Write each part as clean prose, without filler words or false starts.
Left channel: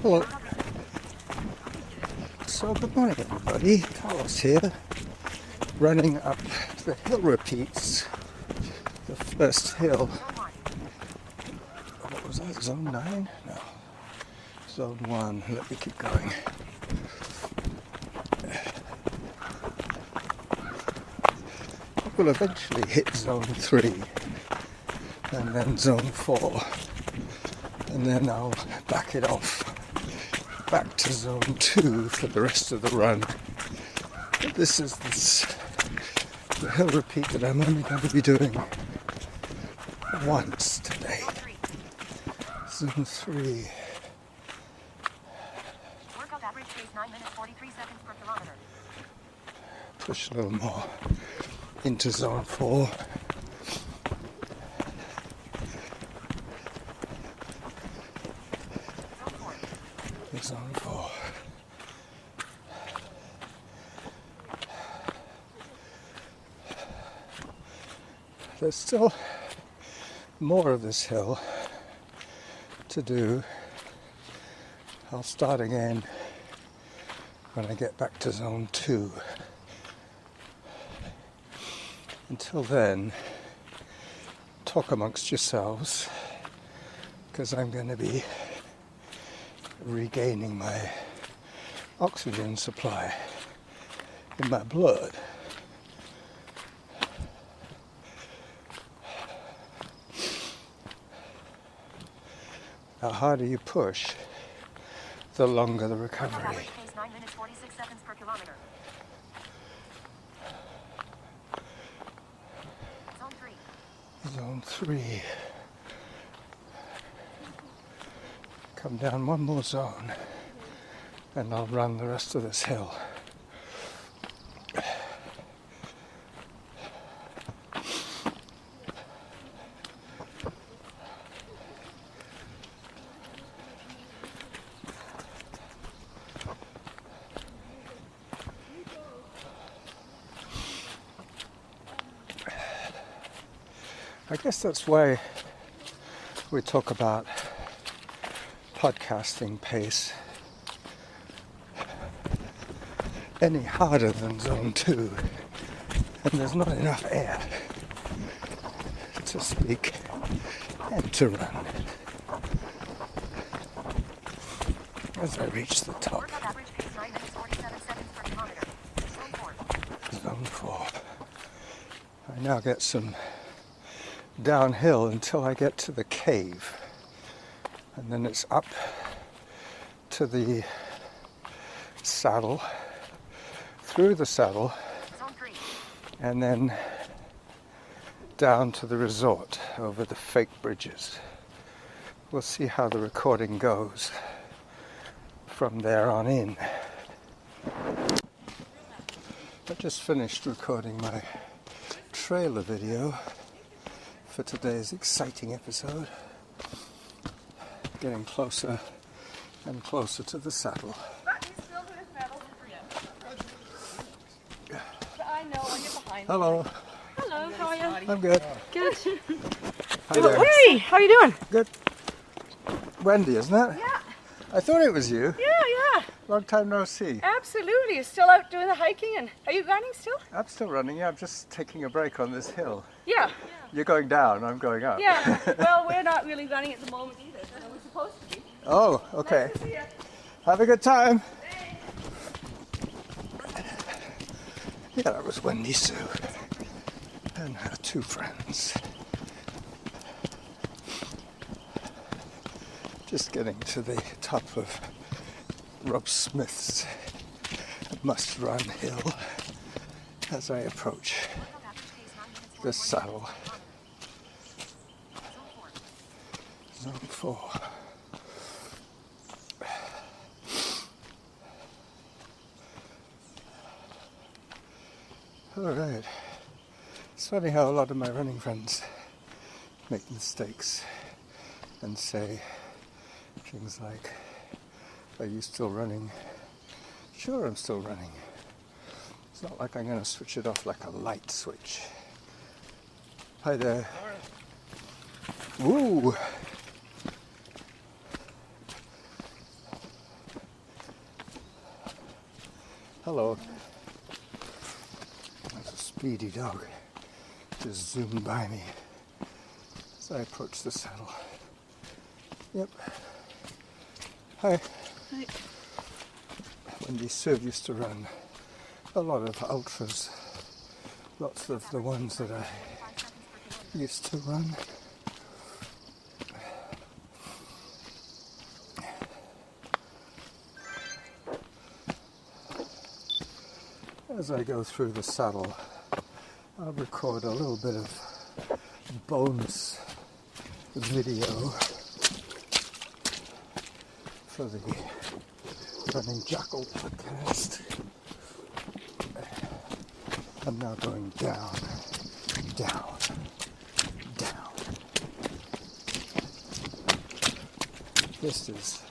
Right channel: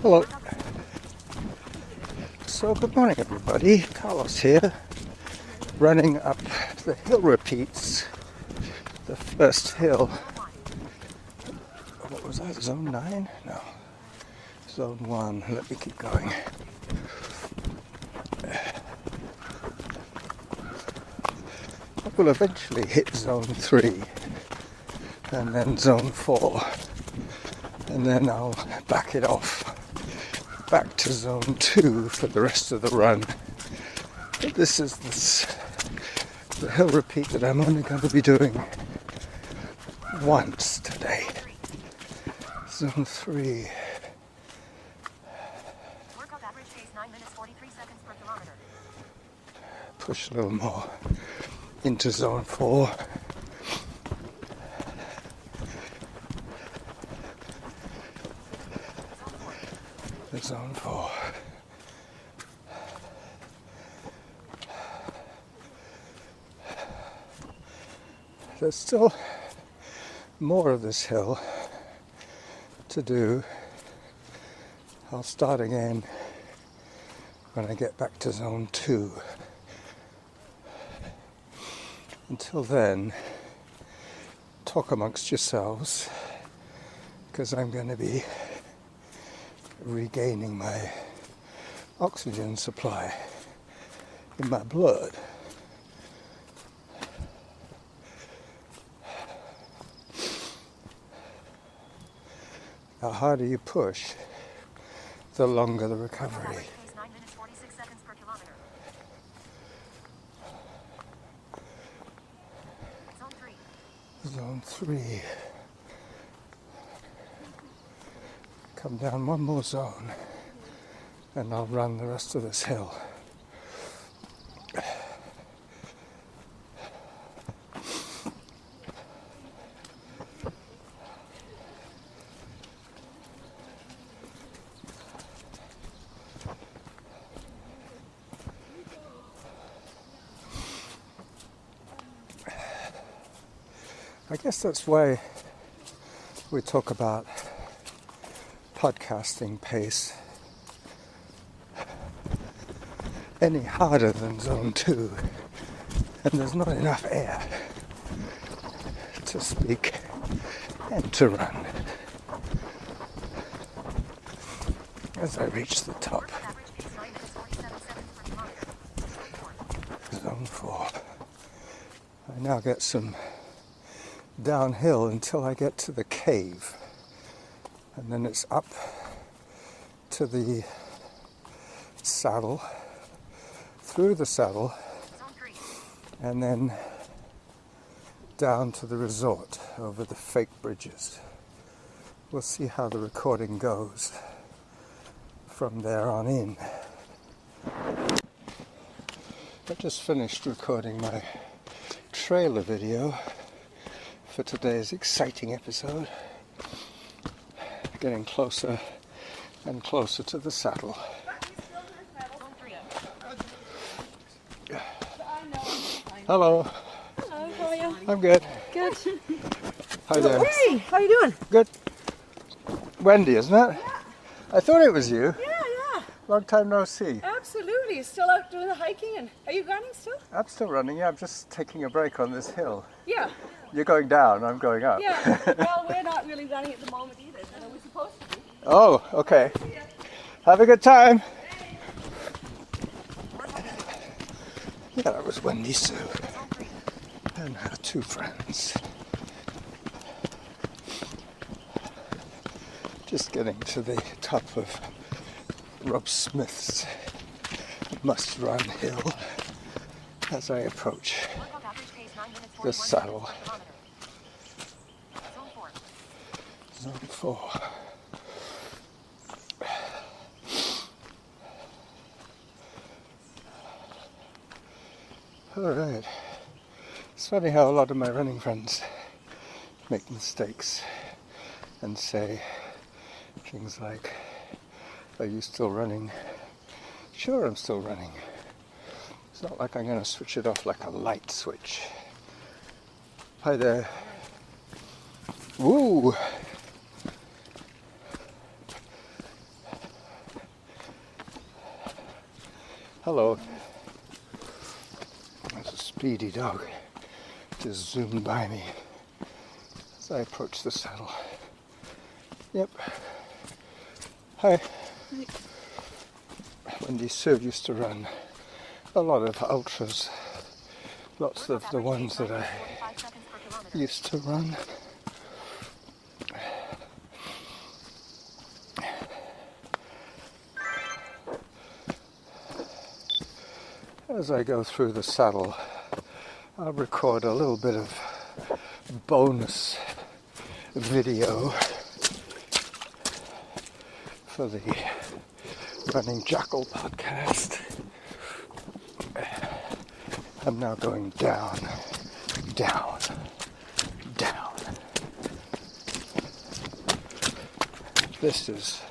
Hello. So good morning everybody, Carlos here, running up the hill repeats, the first hill. What was that, zone 9? No, zone 1, let me keep going. I will eventually hit zone 3, and then zone 4, and then I'll back it off back to zone 2 for the rest of the run. But this is the hill repeat that I'm only going to be doing once today. Zone 3. Workout average pace 9 minutes 43 seconds per kilometer. Push a little more into zone 4. Zone 4. There's still more of this hill to do. I'll start again when I get back to zone 2. Until then, talk amongst yourselves, because I'm going to be regaining my oxygen supply in my blood. The harder you push, the longer the recovery. 9 minutes 46 seconds per kilometer. Zone 3. Zone 3. Come down one more zone and I'll run the rest of this hill. I guess that's why we talk about podcasting pace any harder than zone 2, and there's not enough air to speak and to run. As I reach the top, Workout average pace 9 minutes 47 seconds per kilometer. zone Zone 4. 4. I now get some downhill until I get to the cave, and then it's up to the saddle, through the saddle, Zone 3. and then down to the resort over the fake bridges. We'll see how the recording goes from there on in. I just finished recording my trailer video for today's exciting episode. Getting closer and closer to the saddle. Hello. Hello, how are you? I'm good. Good. Hi there. Hey, how are you doing? Good. Wendy, isn't it? Yeah. I thought it was you. Yeah. Long time no see. Absolutely. You're still out doing the hiking, and are you running still? I'm still running. Yeah, I'm just taking a break on this hill. Yeah. You're going down, I'm going up. Yeah. Well, we're not really running at the moment either, but are we supposed to be? Oh, okay. Have a good time. Yeah, that was Wendy Sue and her 2 friends. Just getting to the top of Rob Smith's must-run hill as I approach Workout average pace 9 minutes the 41 saddle. seconds per kilometer. Zone 4. Zone 4. Alright. It's funny how a lot of my running friends make mistakes and say things like, "Are you still running?" Sure, I'm still running. It's not like I'm going to switch it off like a light switch. Hi there. Woo! Hello. There's a speedy dog just zoomed by me as I approach the saddle. Yep. Hi. Hi. Wendy Sue used to run a lot of ultras. Lots of the ones that I 45 seconds per kilometer. used to run. As I go through the saddle, I'll record a little bit of bonus video for the Running Jackal podcast. I'm now going down, down, down. This is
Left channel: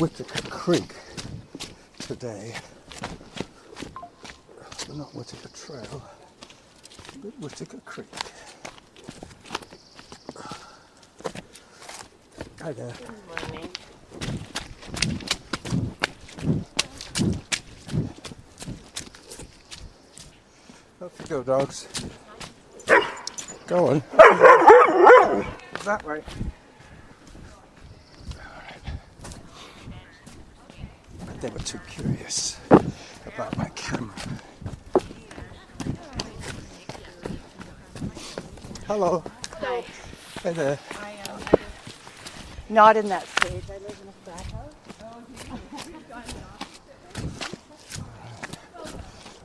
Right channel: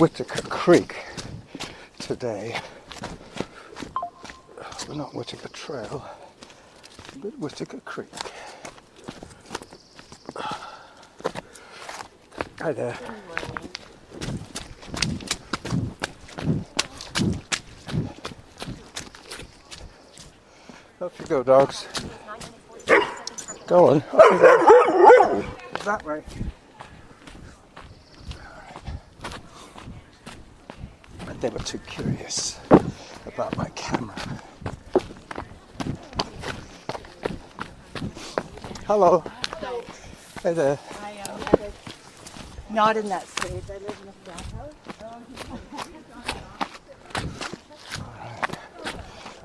Whittaker Creek today. Well, not Whittaker Trail, but Whittaker Creek. Hi there. Good morning. Off you go, dogs. 9 minutes 45 seconds per Go on. Off you go. That way. Alright. They were too curious about my camera. Hello. Hi. Hey there. Not in that stage. I live in a frat house.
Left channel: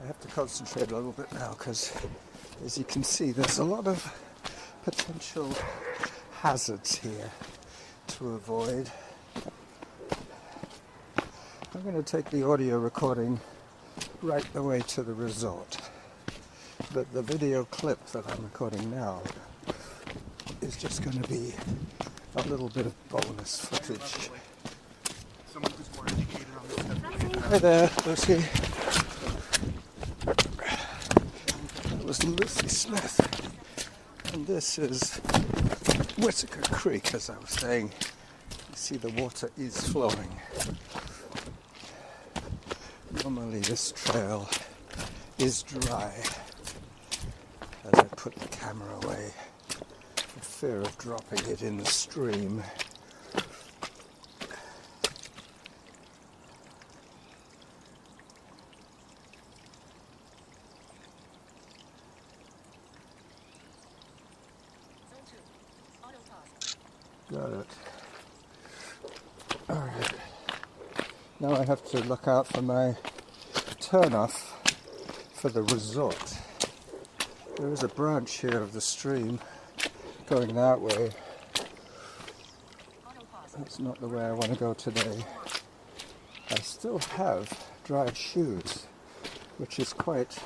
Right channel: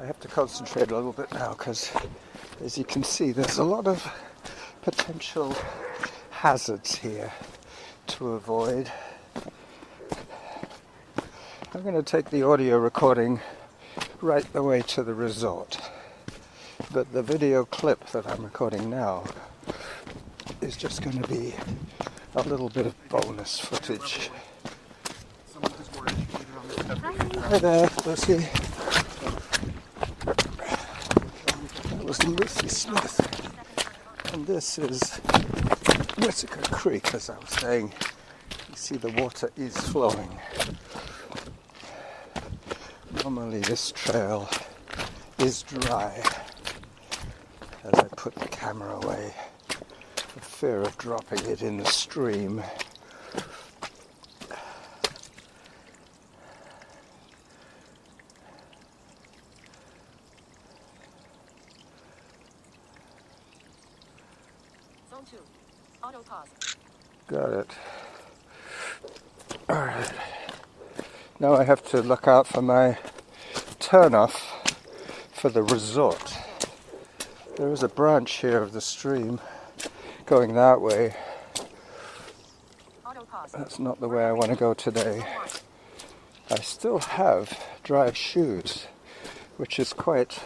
I have to concentrate a little bit now because, as you can see, there's a lot of potential hazards here to avoid. I'm going to take the audio recording right the way to the resort, but the video clip that I'm recording now is just going to be a little bit of bonus footage. Someone who's more educated on this stuff. Hi there, Lucy. That was Lucy Smith. And this is Whittaker Creek, as I was saying. You see the water is flowing. Normally this trail is dry. As I put the camera away, for fear of dropping it in the stream. Zone 2. Auto pause. Got it. Alright. Now I have to look out for my turnoff for the resort. There is a branch here of the stream going that way. Auto pause. That's not the way I want to go today. I still have dry shoes, which is quite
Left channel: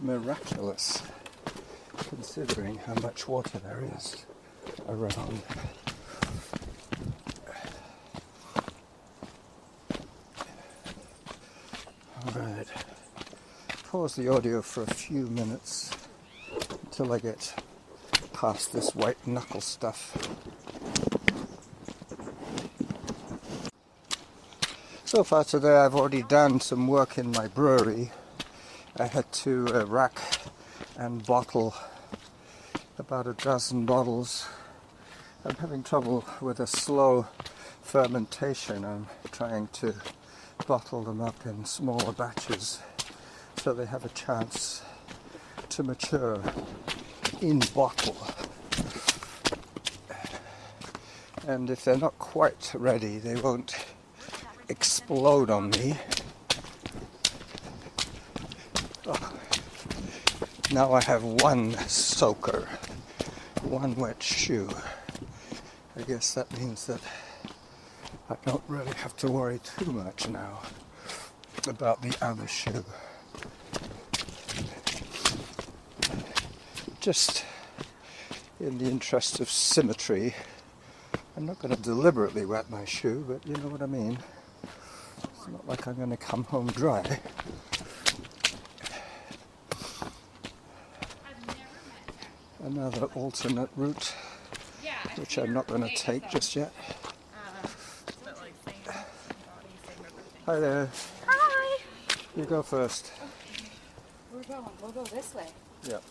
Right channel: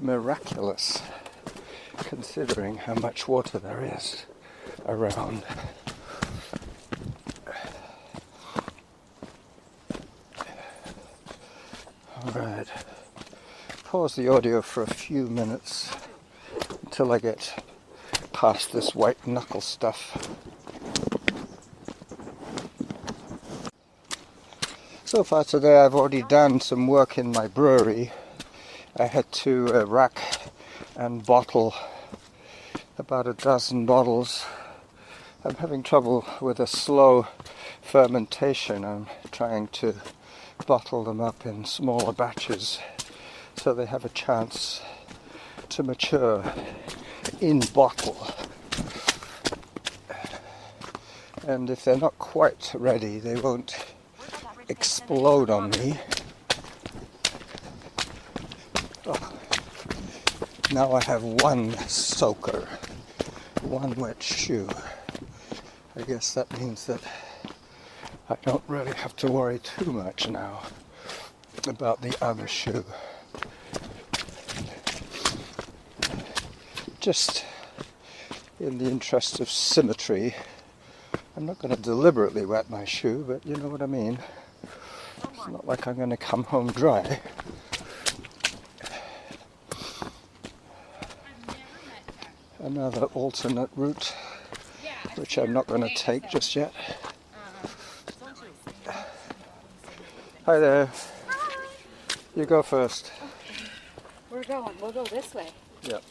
miraculous considering how much water there is around. Alright, pause the audio for a few minutes until I get past this white knuckle stuff. So far today I've already done some work in my brewery. I had to rack and bottle about a dozen bottles. I'm having trouble with a slow fermentation. I'm trying to bottle them up in smaller batches so they have a chance to mature in bottle. And if they're not quite ready, they won't explode on me. Oh. Now I have one soaker, one wet shoe. I guess that means that I don't really have to worry too much now about the other shoe. Just in the interest of symmetry, I'm not going to deliberately wet my shoe, but you know what I mean. It's not like I'm going to come home dry. Another alternate route, which I'm not going to take just yet. Hi there. Hi. You go first. We're going. We'll go this way. Yep.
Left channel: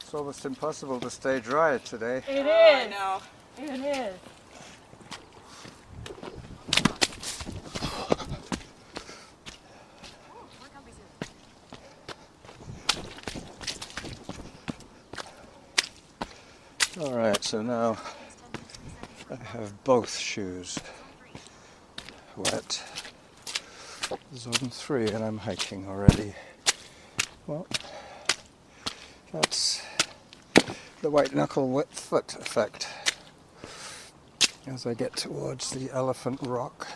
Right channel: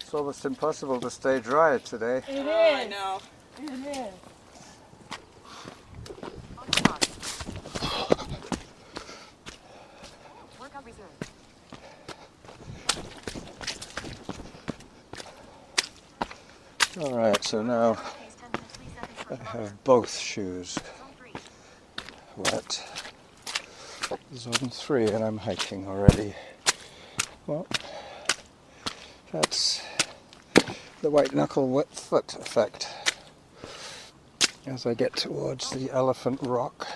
It's almost impossible to stay dry today. It is. I know. It is. Auto pause. Workout resumed. Alright, so now Pace 10 minutes 3 seconds per I kilometer. have both shoes Zone 3. wet. Zone 3, and I'm hiking already. Well, that's the white knuckle wet foot effect. As I get towards the elephant rock,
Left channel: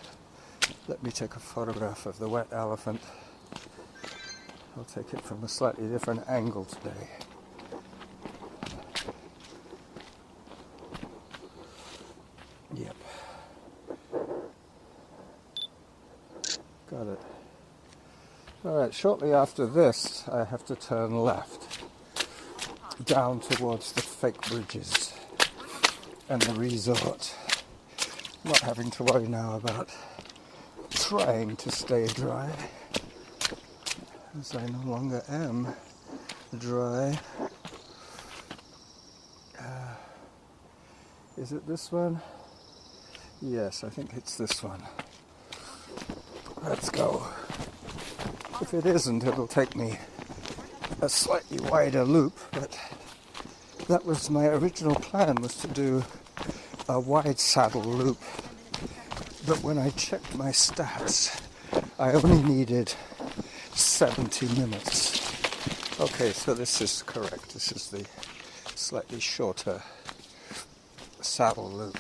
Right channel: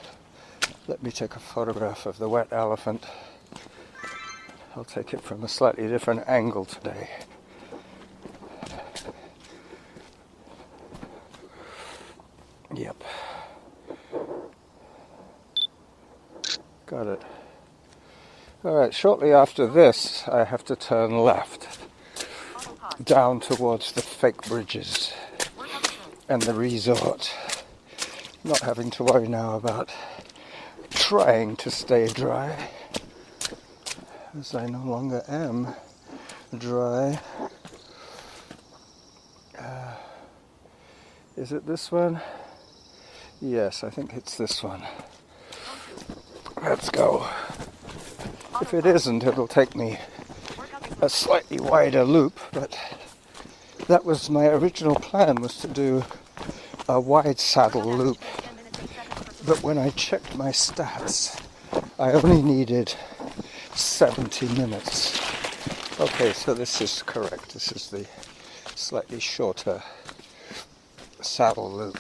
let me take a photograph of the wet elephant. I'll take it from a slightly different angle today. Yep. Got it. Alright, shortly after this, I have to turn left, Auto pause. down towards the fake bridges Workout resumed. and the resort. Not having to worry now about trying to stay dry, as I no longer am dry. Is it this one? Yes, I think it's this one. Let's go. If it isn't, it'll take me Workout resumed. a slightly wider loop, but that was my original plan, was to do a wide saddle loop. 10 minutes 8 seconds per kilometer. But when I checked my stats, I only needed 70 minutes. Okay, so this is correct. This is the slightly shorter saddle loop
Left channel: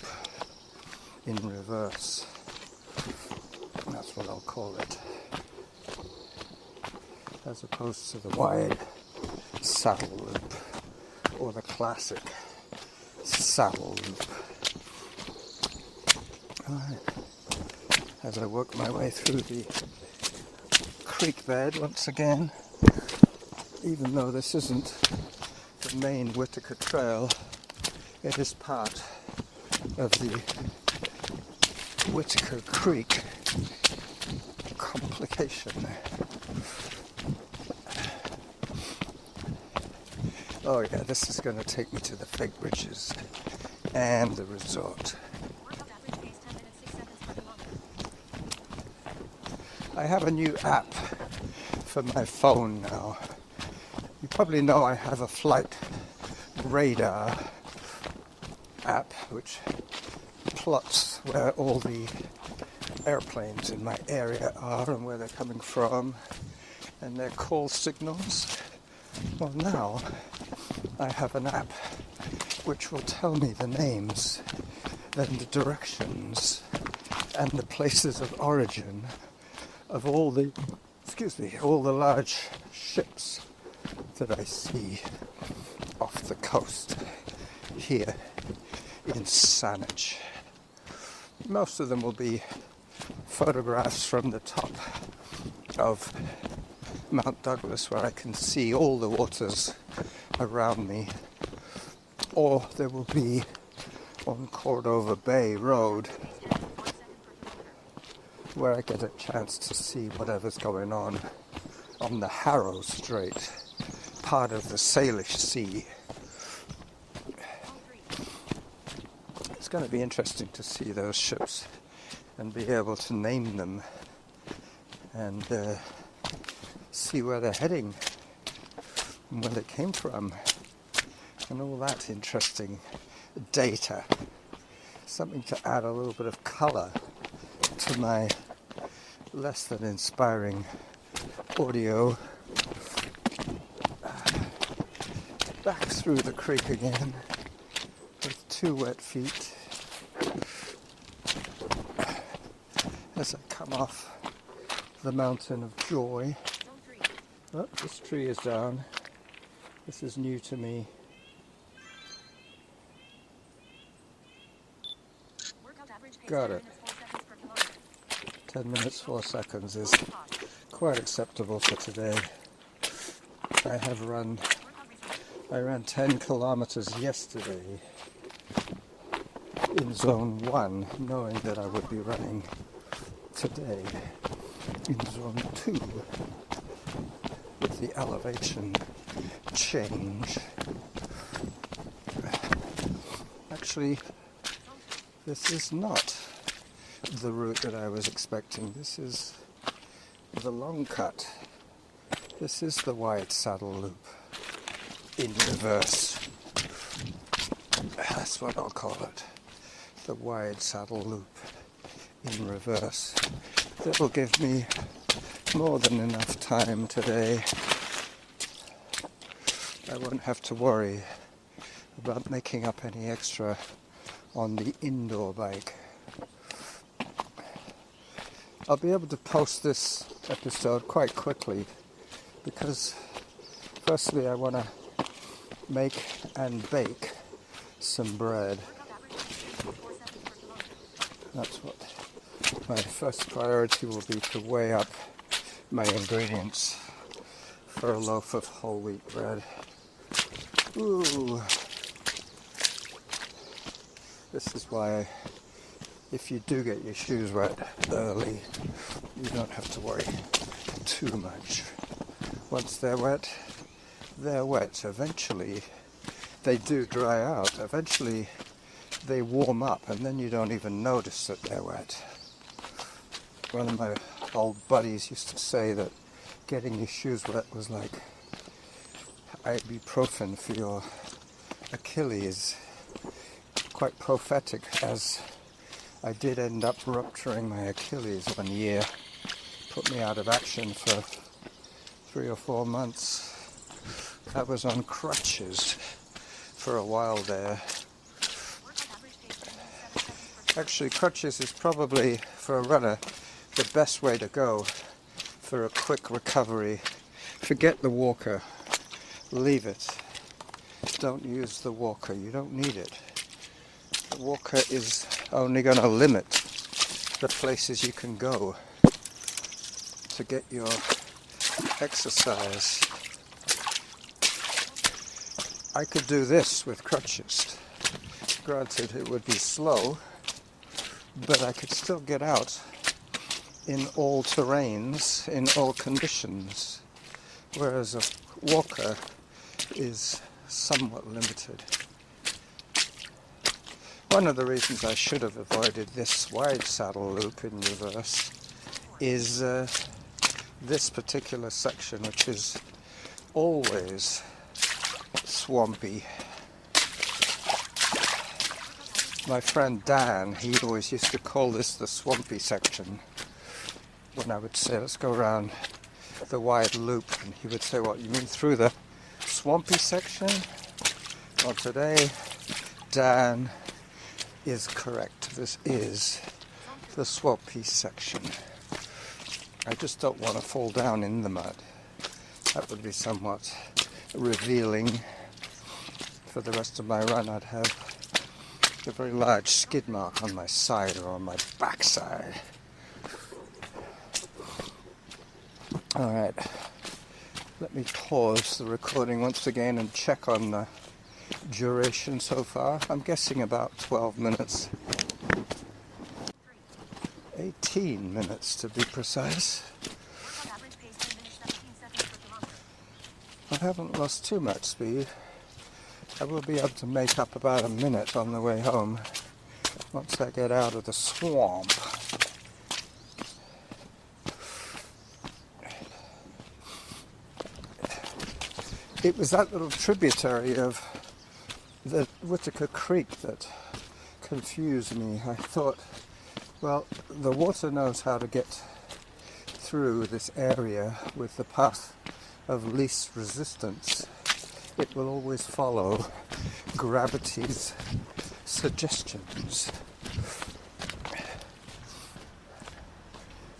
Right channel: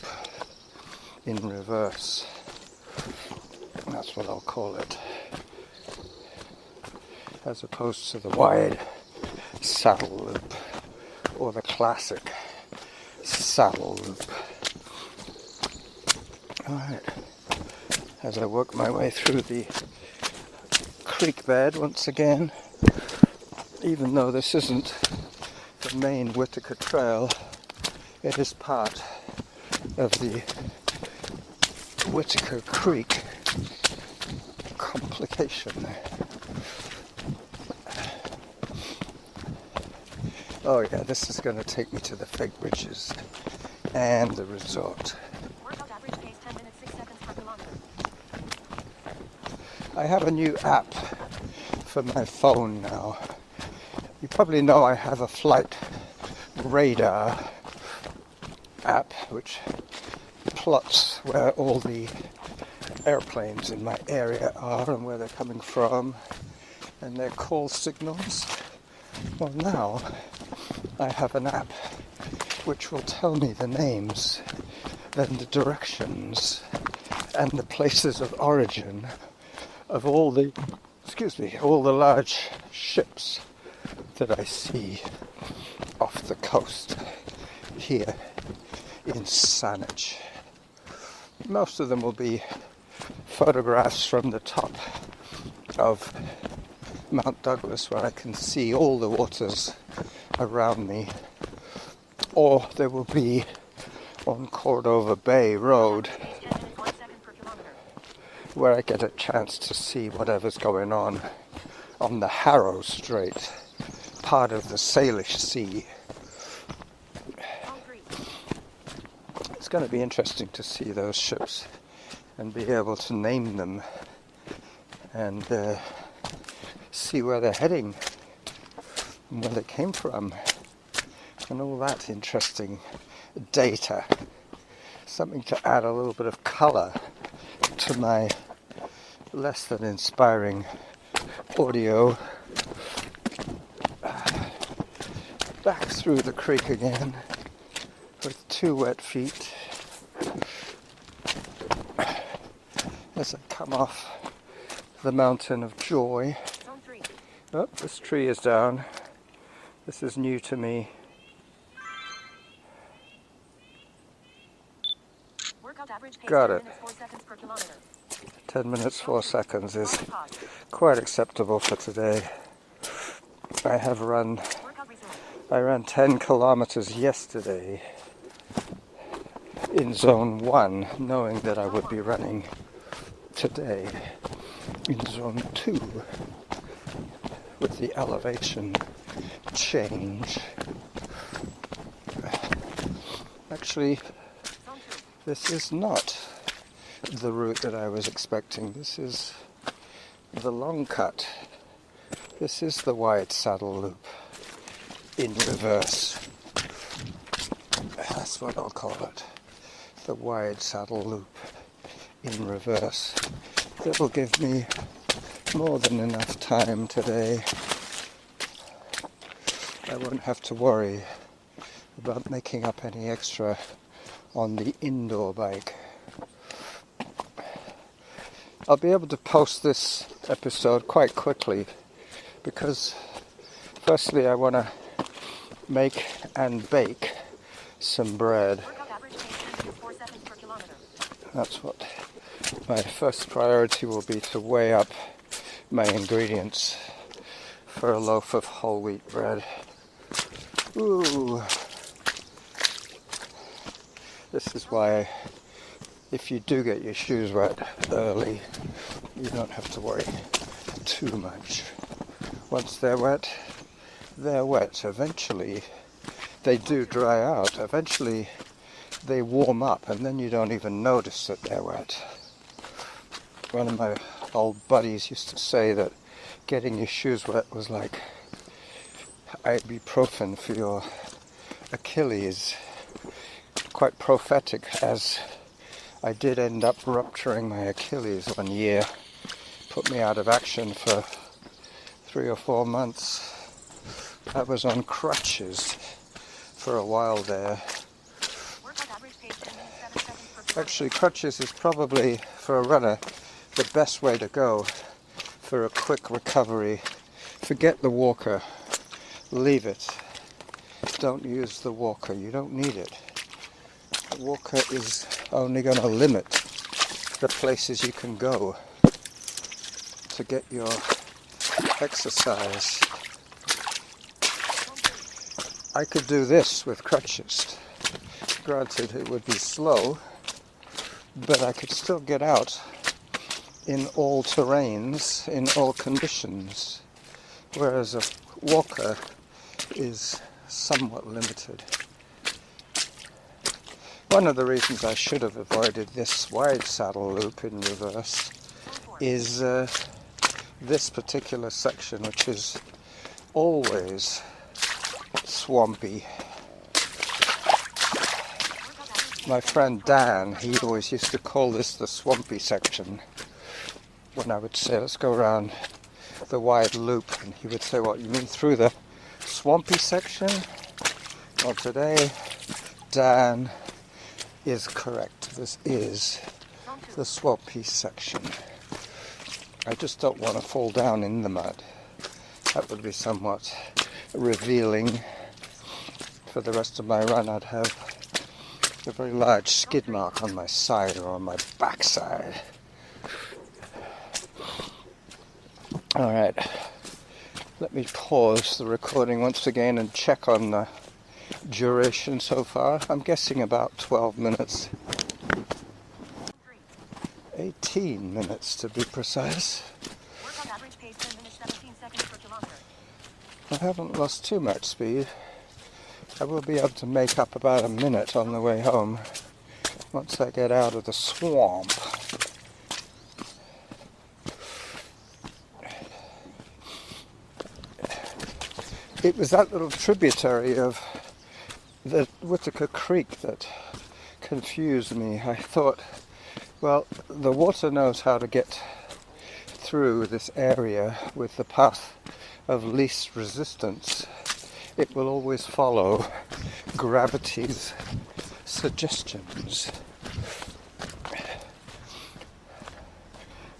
in reverse. That's what I'll call it. As opposed to the wide saddle loop, or the classic saddle loop. Alright, as I work my way through the creek bed once again, even though this isn't the main Whittaker Trail, it is part of the Whittaker Creek complication. Oh yeah, this is going to take me to the fake bridges and the resort. Workout average pace 10 minutes 6 seconds per kilometer. I have a new app for my phone now. You probably know I have a flight radar app which plots where all the airplanes in my area are and where they're coming from and their call signals. Well, now I have an app which will tell me the names and the directions and the places of origin of all the large ships that I see off the coast here in Saanich. Most of them will be photographs from the top of Mt.doug, where I can see all the waters around me, or there will be on Cordova Bay Road 10 minutes 1 second per kilometer. where I get a chance to see whatever's going on the Harrow Strait, part of the Salish Sea. Zone 3. It's going to be interesting to see those ships and be able to name them and see where they're heading and where they came from and all that interesting data. Something to add a little bit of colour to my less than inspiring audio. Back through the creek again with 2 wet feet as I come off the Mountain of Joy. Zone 3. Oh, this tree is down. This is new to me. Workout average pace Got 10 it. minutes 4 seconds per kilometer. 10 minutes 4 seconds is Auto pause. quite acceptable for today. I Workout resumed. ran 10 kilometers yesterday in zone 1, knowing that I would be running today. in zone 2 with the elevation change. Actually, this is not the route that I was expecting. This is the long cut. This is the wide saddle loop in reverse. That's what I'll call it. The wide saddle loop in reverse. That'll give me more than enough time today. I won't have to worry about making up any extra on the indoor bike. I'll be able to post this episode quite quickly because firstly I want to make and bake some bread. Workout average pace 10.47 per kilometer. That's what my first priority will be, to weigh up my ingredients for a loaf of whole wheat bread. Ooh. This is why if you do get your shoes wet early, you don't have to worry too much. Once they're wet, they're wet. Eventually they do dry out. Eventually they warm up and then you don't even notice that they're wet. One of my old buddies used to say that getting your shoes wet was like ibuprofen for your Achilles. Quite prophetic, as I did end up rupturing my Achilles one year. Put me out of action for 3 or 4 months. I was on crutches for a while there. Workout average pace 10.7 seconds per kilometer. Actually, crutches is probably, for a runner, the best way to go for a quick recovery. Forget the walker. Leave it. Don't use the walker. You don't need it. The walker is only going to limit the places you can go to get your exercise. I could do this with crutches. Granted, it would be slow, but I could still get out in all terrains, in all conditions, whereas a walker is somewhat limited. One of the reasons I should have avoided this wide saddle loop in reverse is this particular section, which is always swampy. My friend Dan, he always used to call this the swampy section. When I would say, let's go around the wide loop, and he would say, what, you mean through the swampy section? Well, today Dan is correct. This is the swampy section. I just don't want to fall down in the mud. That would be somewhat revealing. For the rest of my run, I'd have a very large skid mark on my side or on my backside. Alright, let me pause the recording once again and check on the duration so far. I'm guessing about 12 minutes. 18 minutes to be precise. Workout average pace 10 minutes 17 seconds per kilometer. I haven't lost too much speed. I will be able to make up about a minute on the way home once I get out of the swamp. It was that little tributary of the Whittaker Creek that confused me. I thought, well, the water knows how to get through this area with the path of least resistance. It will always follow gravity's suggestions.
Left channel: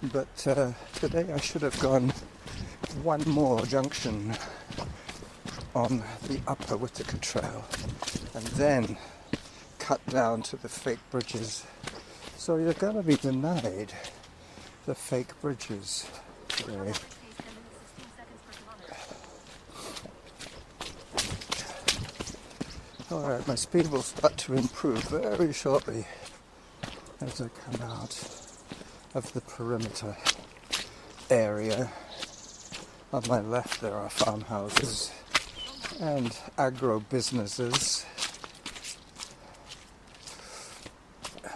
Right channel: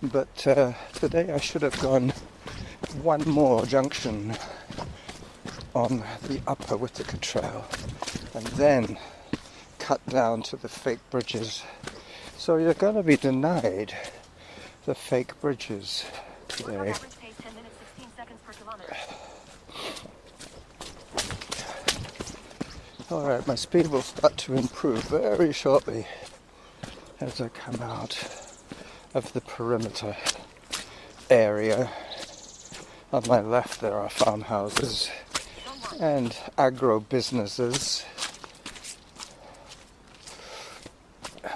But today I should have gone one more junction on the upper Whittaker Trail and then cut down to the fake bridges. So you're going to be denied the fake bridges today. Workout average pace 10 minutes 16 seconds per kilometer. Alright, my speed will start to improve very shortly as I come out of the perimeter area. On my left there are farmhouses and agro businesses,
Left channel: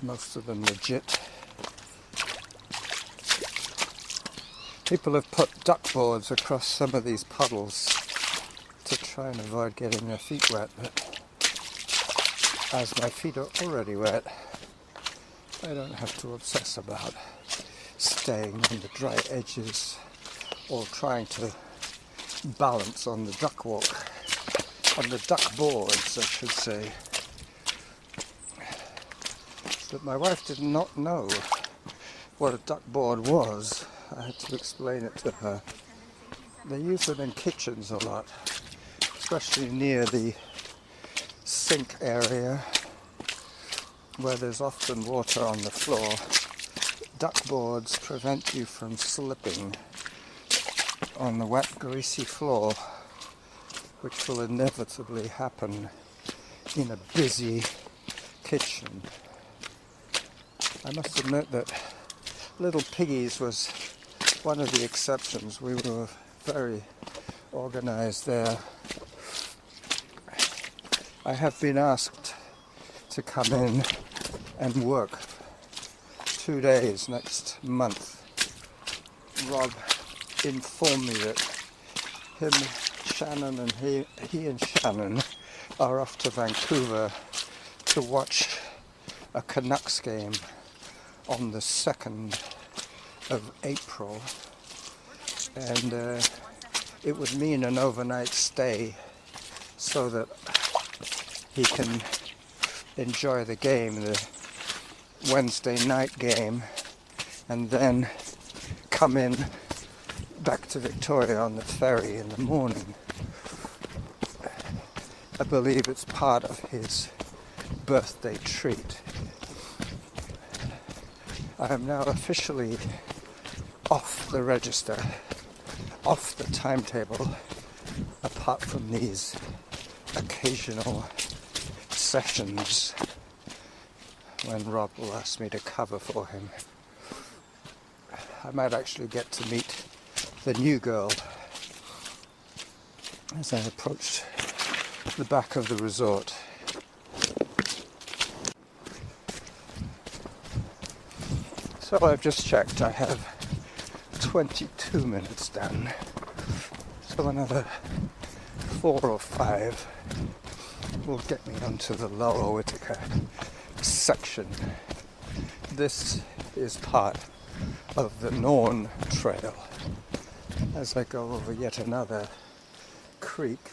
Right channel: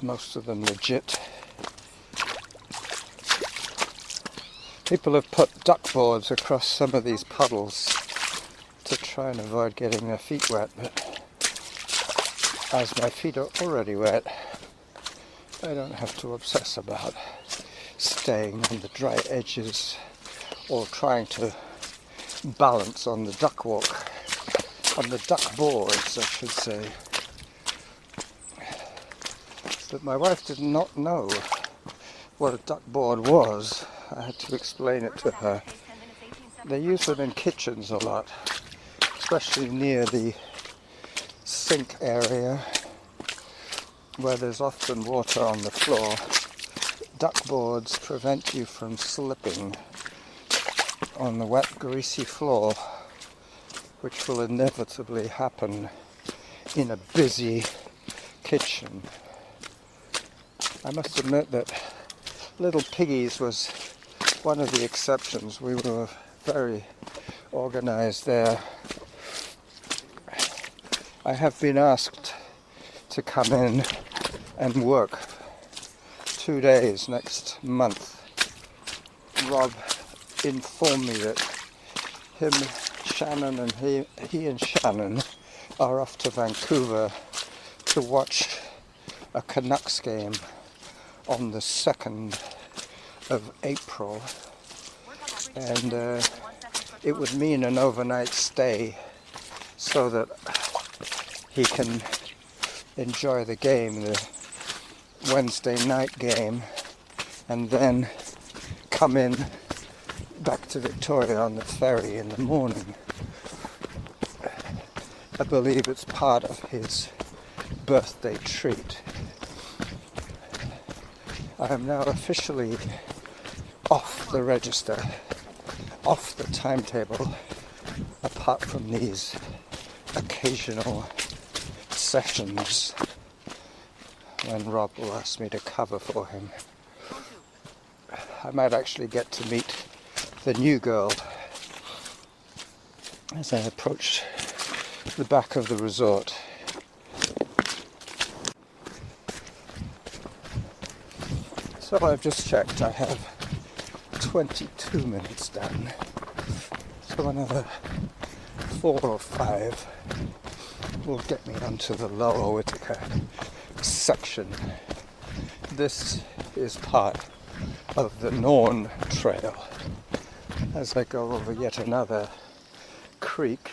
most of them legit. People have put duck boards across some of these puddles to try and avoid getting their feet wet, but as my feet are already wet, I don't have to obsess about staying on the dry edges or trying to balance on the duck walk, on the duck boards I should say. But my wife did not know what a duck board was. I had to explain it to her. They use them in kitchens a lot, especially near the sink area where there's often water on the floor. Duck boards prevent you from slipping on the wet, greasy floor, which will inevitably happen in a busy kitchen. I must admit that Little Piggies was one of the exceptions. We were very organized there. I have been asked to come in and work 2 days next month. Rob informed me that him, Shannon, and he and Shannon are off to Vancouver to watch a Canucks game on the 2nd of April, and it would mean an overnight stay so that he can enjoy the game, the Wednesday night game, and then come in back to Victoria on the ferry in the morning. I believe it's part of his birthday treat. I am now officially off the register, off the timetable, apart from these occasional sessions when Rob will ask me to cover for him. I might actually get to meet the new girl as I approach the back of the resort. So I've just checked, I have 22 minutes done, so another 4 or 5 will get me onto the lower Whittaker section. This is part of the Norn Trail as I go over yet another creek.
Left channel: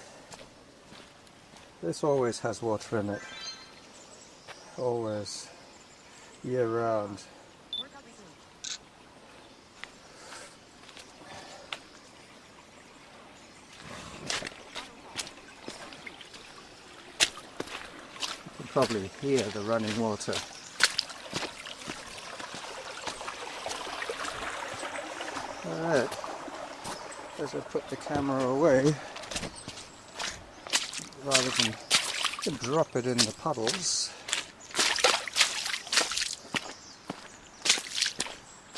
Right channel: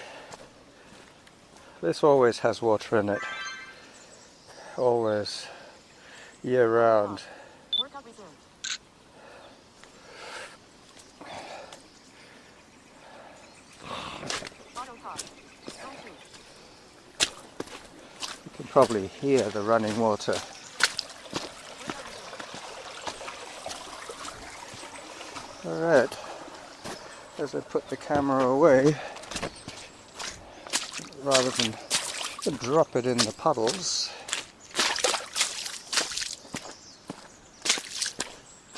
This always has water in it, always, year round. Workout resumed. Auto pause. Zone 2. You can probably hear the running water. Alright, as I put the camera away, rather than drop it in the puddles,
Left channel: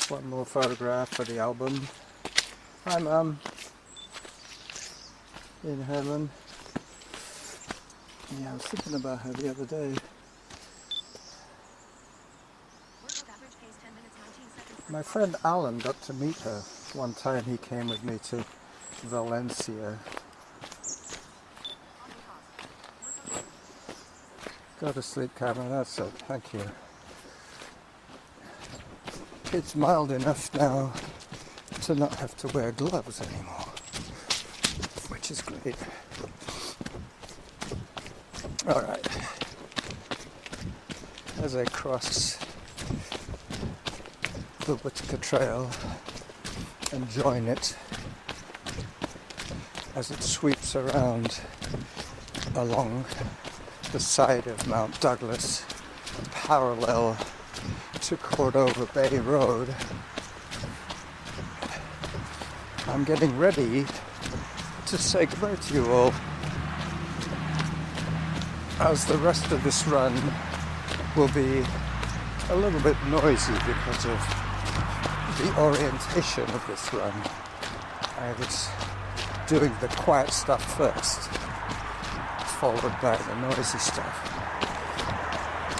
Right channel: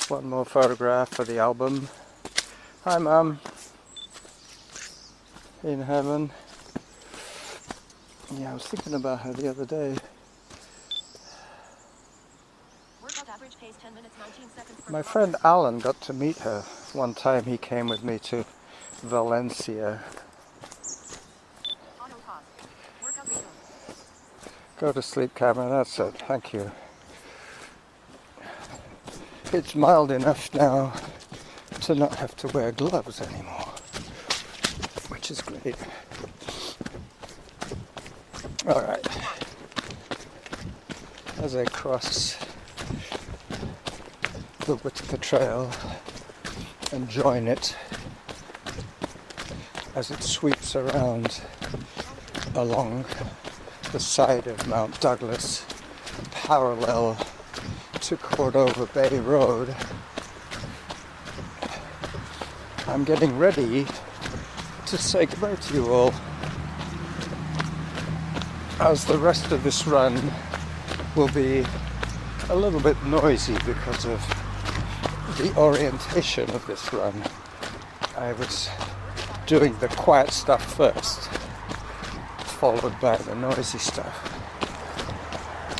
one more photograph for the album. Hi Mum, in heaven. Yeah, I was thinking about her the other day. Workout average pace 10 minutes 19 seconds per My kilometer. friend Alan got to meet her one time. He came with me to Valencia. Auto pause. Workout resumed. Go to sleep, Cameron, that's it, thank you. It's mild enough now to not have to wear gloves anymore, which is great. Alright, as I cross the Whittaker Trail and join it as it sweeps around along the side of Mt.doug, parallel to Cordova Bay Road, I'm getting ready to say goodbye to you all, as the rest of this run will be a little bit noisy because of the orientation of this run. I was doing the quiet stuff first, followed by the noisy stuff,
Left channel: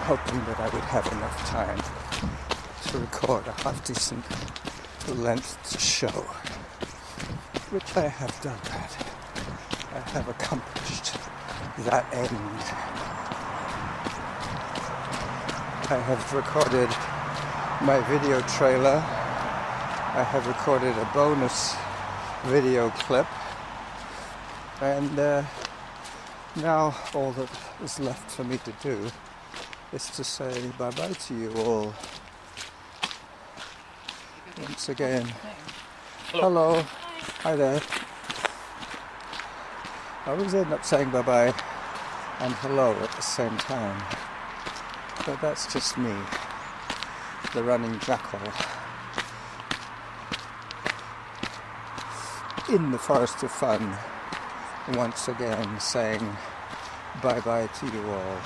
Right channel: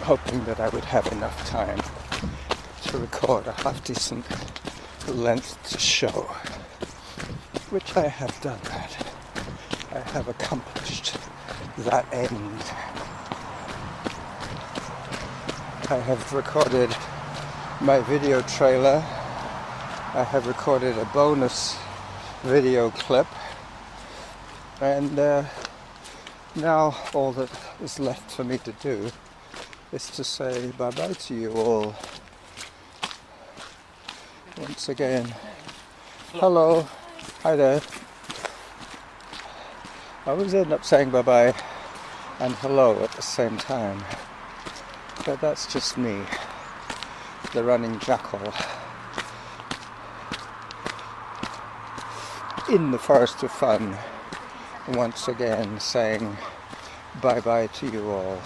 hoping that I would have enough time to record a half-decent length to show, which I have done that. I have accomplished that end. I have recorded my video trailer. I have recorded a bonus video clip, and now all that is left for me to do is to say bye-bye to you all. Once again, hello, hi there. I always end up saying bye-bye and hello at the same time, but that's just me, the running jackal, in the forest of fun, once again saying bye-bye to you all.